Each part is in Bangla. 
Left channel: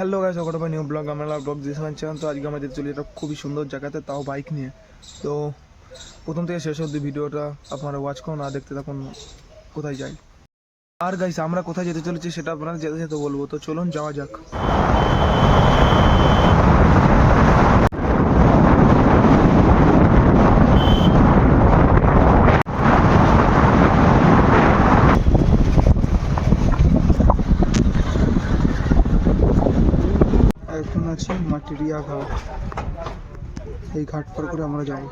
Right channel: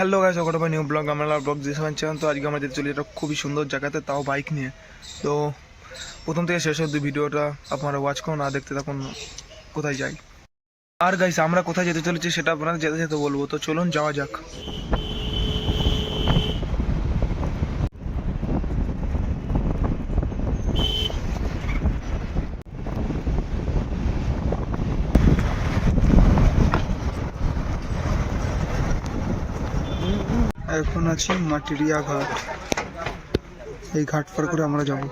হ্যালো গাইস ওটা ভাই নিউ ব্লগ আমরা ব্লগ যে সবাই চ্যানেল তো আজকে আমরা যেতে চলি একটা খুবই সুন্দর জায়গাতে, তাও বাইক নিয়ে। তো, প্রথম থেকে শেষ অবধি ভিডিওটা আপনারা ওয়াচ করুন, আর দেখতে থাকুন কোথায় যাই। আর গাইস আমরা কোথায় যেতে চলেছি সেটা আপনাদের যেতে যেতে বলব। তো চলুন, যাওয়া যাক। এখন আছি মাটিরিয়া ঘাট। এই ঘাট পার করে আমরা যাব।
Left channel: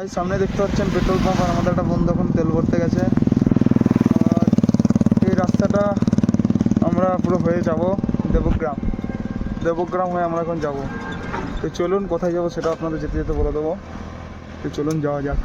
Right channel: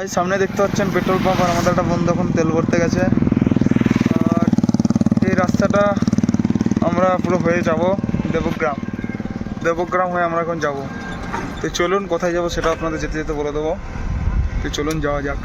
ভাই, সামনে দেখতে পাচ্ছেন পেট্রোল পাম্প আর আমাদের একটা বন্ধু এখন তেল ভরতে গেছে। আর এই রাস্তাটা আমরা পুরো হয়ে যাব দেবগ্রাম। দেবগ্রাম হয়ে আমরা এখন যাব। তো চলুন কোথায় যাব সেটা আপনাদের যেতে যেতে বলে দেবো। তো চলুন যাওয়া যাক।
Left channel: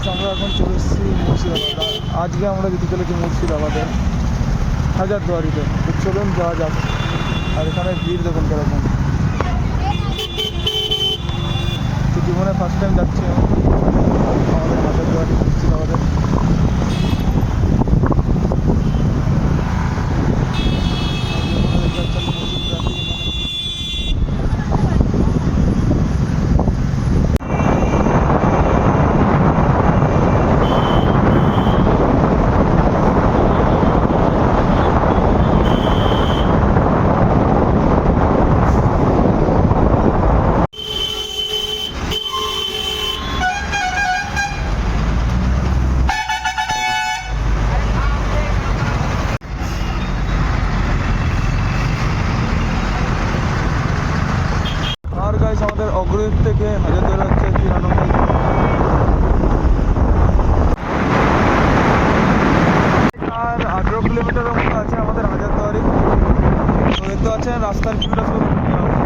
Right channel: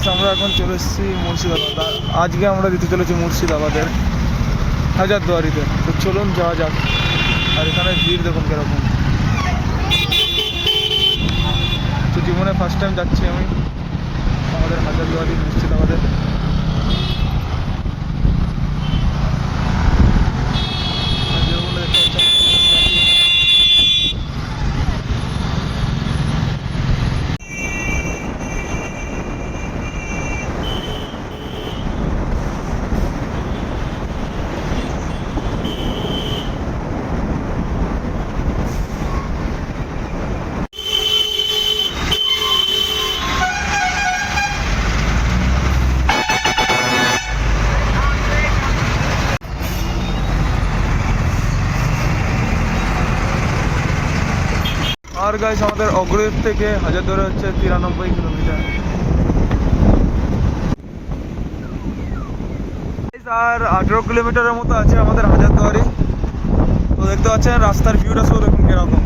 গেছে আমরা এখন চলে এসেছি মুর্শিদাবাদ। আজকে আমরা দিতে চলেছি মুর্শিদাবাদের হাজারদুয়ারিতে। তো চলুন যাওয়া যাক। আর এখানে ভিড় দেখুন কেরকম। তো জীবনে ফার্স্ট টাইম যাচ্ছি আমি। আমাদের হাজারদুয়ারি, মুর্শিদাবাদের আর যেরকম দেখতে পাচ্ছেন প্রচুর traffic এখানে। গাইস আমাদের অগ্রদীপ থেকে হাজার ধরে হচ্ছে তিরানব্বই আর আঠেরো কিলোমিটারের মতো আছে আমাদের হাজারদুয়ারি। তো দেখতে পাচ্ছেন, রাস্তার ভিউটা শুধু কীরকম।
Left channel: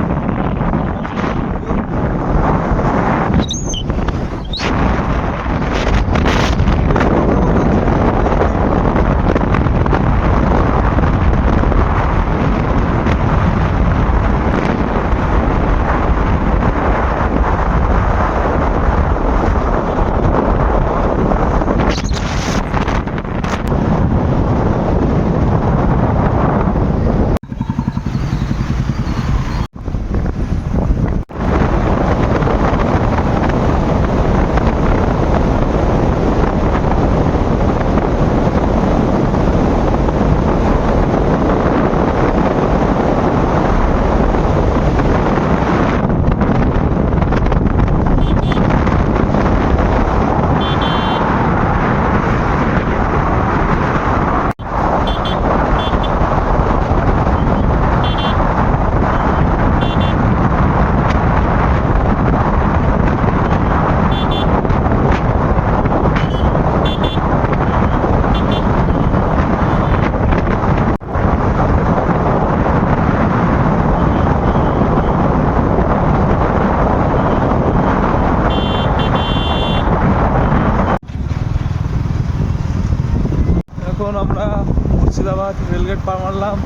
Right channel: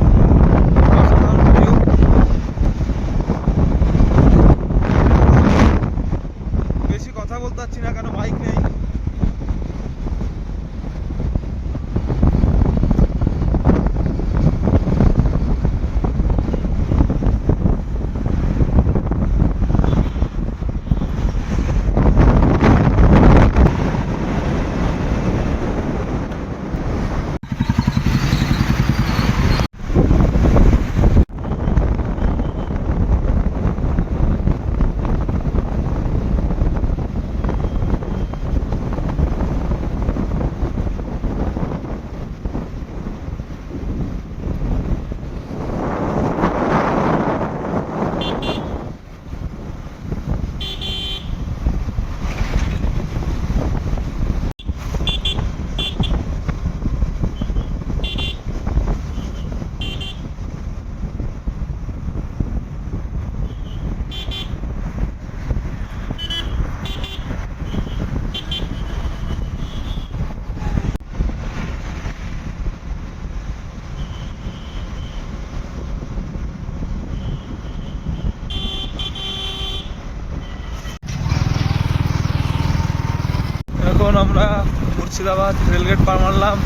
মুর্শিদাবাদ, রেলগেট পার মারলাম।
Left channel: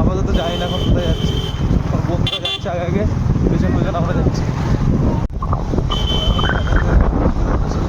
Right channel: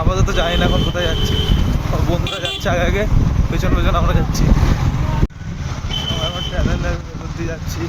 আপাতত জানি না এখন কোথায় যাচ্ছি। বন্ধুরা যাচ্ছে আগে আগে, পেছন পেছন আমরা যাচ্ছি আমরা এখন টানেলের মধ্যে যাচ্ছি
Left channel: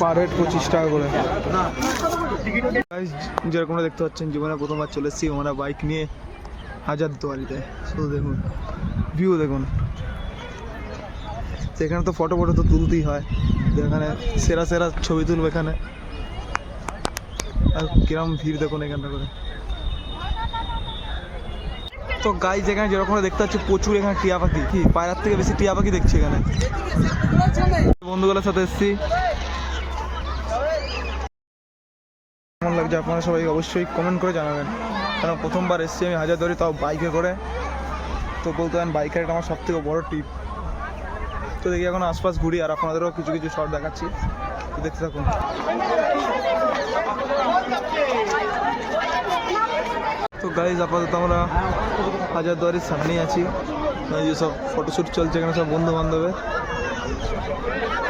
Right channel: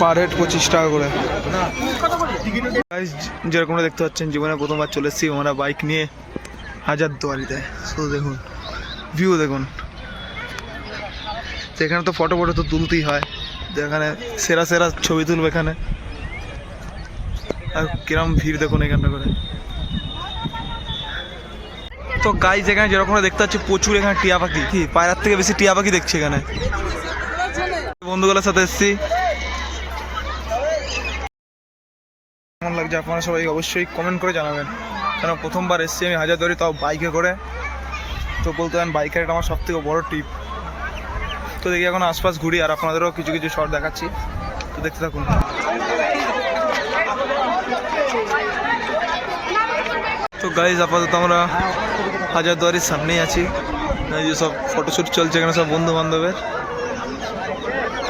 পার হেড পঁচিশ টাকা করে। যেরকমটা দেখতে পাচ্ছেন, জীবনে প্রথমবার চলে এসেছি, আমরা বাইক নিয়ে হাজার দুয়ারিতে শুধু দেখুন ভিউ দেখুন। তো এখানে তো ফটো ফটো তো তুলতেই হয়। তো এখানে সেরা সেরা ছবি তুলবে এখানে। আর কিরম ভিড় দেখুন এখানটা করে। তো গাইজ এখানে যেরকম দেখতে পাচ্ছি, প্রচুর এখানে টিয়া পাখি। কি, পায়রার থেকে বেশি টিয়া পাখি দেখছি এখানে। বন্ধুগুলোর সাথে এসেছি। কেমন লাগছে আপনারা সবাই অবশ্যই কমেন্ট করে জানাবেন। কারণ প্রথমবার এসেছি আমি হাজার ধরে তাও বাইকে করে। তো বলতে পারেন বাইকের এটা আমার সব থেকে বড়ো ট্রিপ তো দেখি এখন আশপাশ ঘুরি, আর আপনাদেরও কিছু কিছু শর্ট দেখাচ্ছি। তো দেখতে থাকুন। তো গাইজ আপাতত আমরা হাজারদুয়ারির সামনেই আছি। এই যে সব ফটোশ্যুট চলছে, এখানে সব বন্ধু বান্ধবের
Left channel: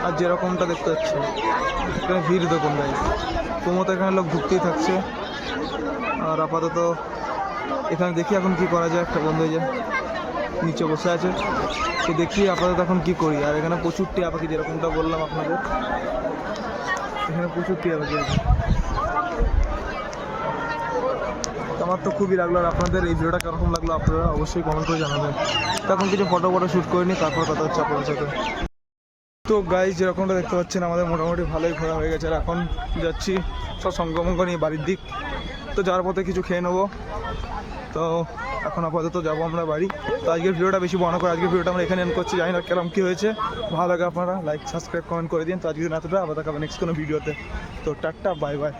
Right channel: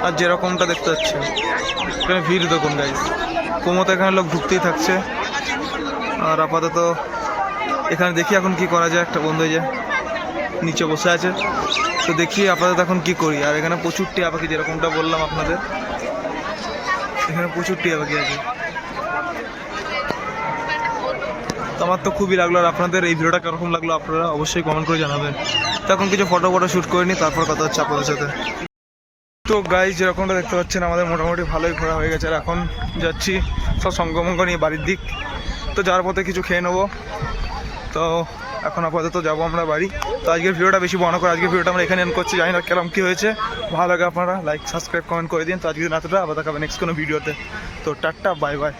আর যেরকমটা দেখতে পাচ্ছেন এখানে ভিড় দেখুন গাইজ কোমতো এখানে লোক ঢুকতেই থাকছে। আর আপাতত এখানে দেখি এখন কি করা যায়। একটা বন্ধু যে নিচে বসে আছে। তো দেখি আপাতত এখন কি করি। আর এখানে প্রচুর টিয়া পাখি, যেরকমটা বললাম আপনাদের। এখানে প্রচুর টিয়া পাখি আছে। আমার তো খুবই লাগল আর আপনাদের এই ভিডিওটা কীরকম লাগল আপনারা অবশ্যই কমেন্ট করে জানাবেন। তো এখন কিছু ফটো ফটো শ্যুট করে নিই তারপর কথা হচ্ছে আপনাদের সাথে। তো গাইজ যেরকমটা দেখতে পাচ্ছেন, আমাদের মোটামুটি ভালোই ঘোরা হয়ে গেছে। আর এখন যাচ্ছি সব সঙ্গমঙ্গ নিয়ে বাড়ির দিক। তো যাওয়ার পথে কিছু খেয়ে নেব। তো এখন আপাতত যাব আমরা বাড়ি। তো আজকের ভিডিওটা বেশি বড় করে আজকের ভিডিওটা আমরা এখানে এন করছি। জানি না কেরম কী হয়েছে। ভালো লাগে আপনারা লাইক সাবস্ক্রাইব কমেন্ট করে দিন। তো আজকের দিন এতটা, আবার দেখাবে নেক্সট কোনো ভিডিওতে। তো টাটা বাই বাই